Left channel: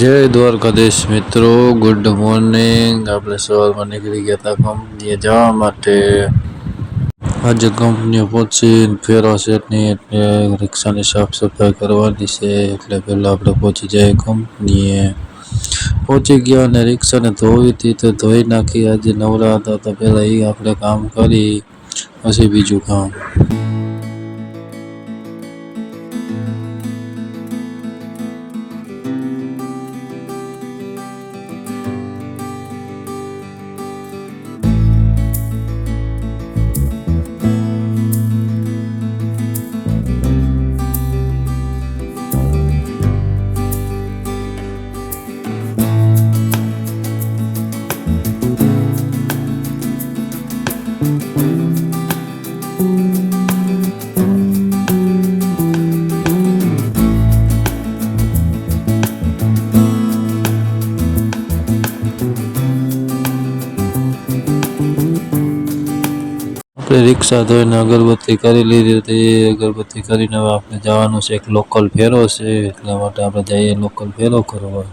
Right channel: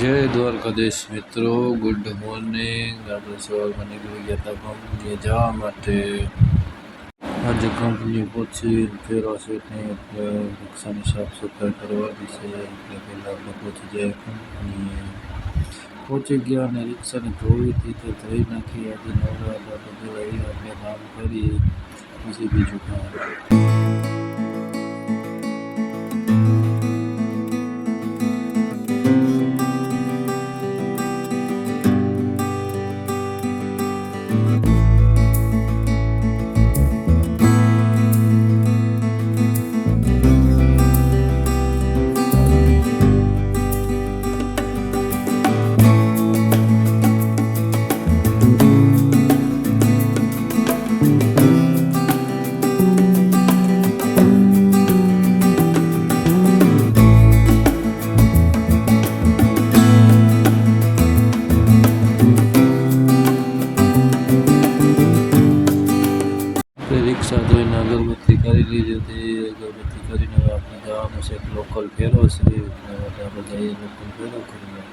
જય દ્વારકાધીશ મિત્રો, good morning. આપણે સવારમાં નીકળી ગયા હતા કંપનીએ જવા માટે। આજે કંપનીએ પહોંચી ફેરો સેટની એટલે રિક્ષાની સાફ સફાઈ કરવાની છે, એટલે પહેલાં આપણે પહોંચી જઈએ કંપનીએ। પહોંચી ગયા અને રિક્ષાને ધોવી હતી તો ધોઈ નાખી। આજે નવરા હતા તો પહેલાં એ આપણે કામ કરી પછી બીજું કામ। રિક્ષા ધોઈને અગરબત્તી કરી લીધી હતી। અગરબત્તી કરીને હવે આપણે જવાનું છે એક લોકલ ફેરો છે, એટલા માટે આપણે જઈએ લોકલ ફેરો કરવા।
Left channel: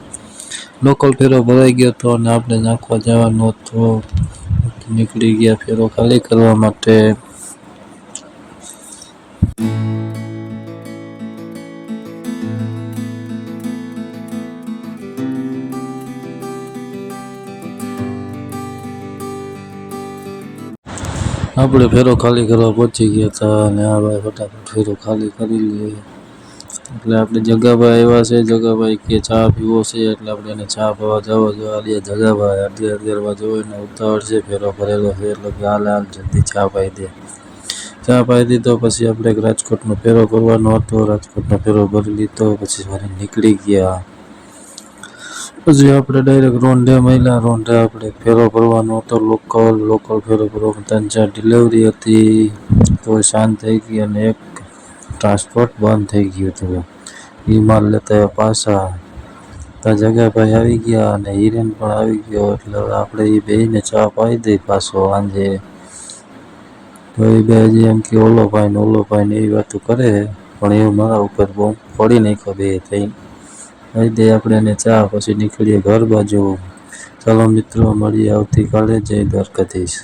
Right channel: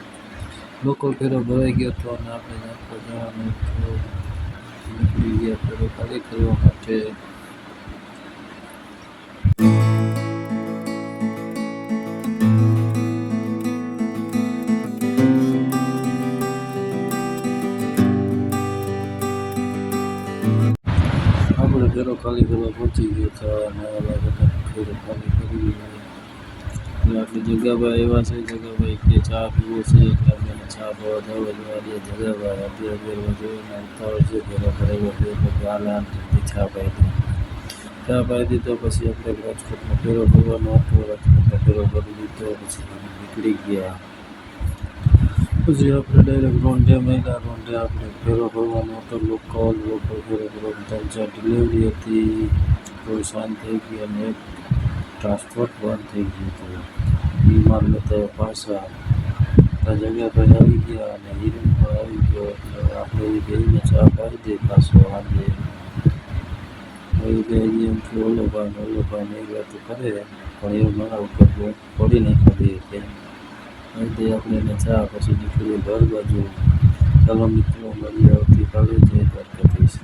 લોકલ ફેરો ભરાઈ ગયો હતો અને આપણે નાખવા જવાનું હતું, નીકળી ગયા ફેરો ખાલી કરવા માટે। આપણે ફેરો ખાલી કરવા પહોંચી ગયા હતા અને આ ભાઈ ફટાફટ ફેરો ખાલી કરી લઈએ। એટલે આપણે જગાભાઈ આવ્યા છે, જગાભાઈ કે ચા પીવો છે, એટલે આપણે એને ચા પીવા જવા જોઈએ। જગાભાઈ 11:30 જોઈને ઉતાવળ છે, ફેરો ભરેલો છે, એટલે હાલ જલ્દી ચા પાઈ દે। ચા પાઈ દીધો પછી આપણે રાજકોટનો ફેરો ભરવાનો હતો, રાજકોટનો ફેરો ભરી લીધો પછી નીકળી ગયા। પછી આપણે ડાયરેક્ટ રોંઢે મળ્યા। રોંઢે આપણે ફેરો ભરવાનો હતો લોકલ ફેરો ભરવાનો 3-4 ડિલિવરી હતી, તો શાંત થઈ ગઈ અને એક ટ્રાન્સપોર્ટ બંધ થઈ ગયું હતું। એ માલ લેતા પાછા ત્યાં જગાભાઈ આવી ગયા અને હિરેન પણ આવી ગયો, એટલે આપણે એ બેને ચા પાઈ દઈ પાછો સાંજે। તો એ બે હજી એમ કે ઓલો ભાઈ ને એવી વાતો કરે, પણ એ મારા ઉપર બહુ પડી નાખ્યો બે થઈને। કહી દઈએ આપણે એને ચા, પછી નીકળીએ ઘર બાજુ। ચાલો મિત્રો, મળીએ આવતીકાલે। જય દ્વારકાધીશ।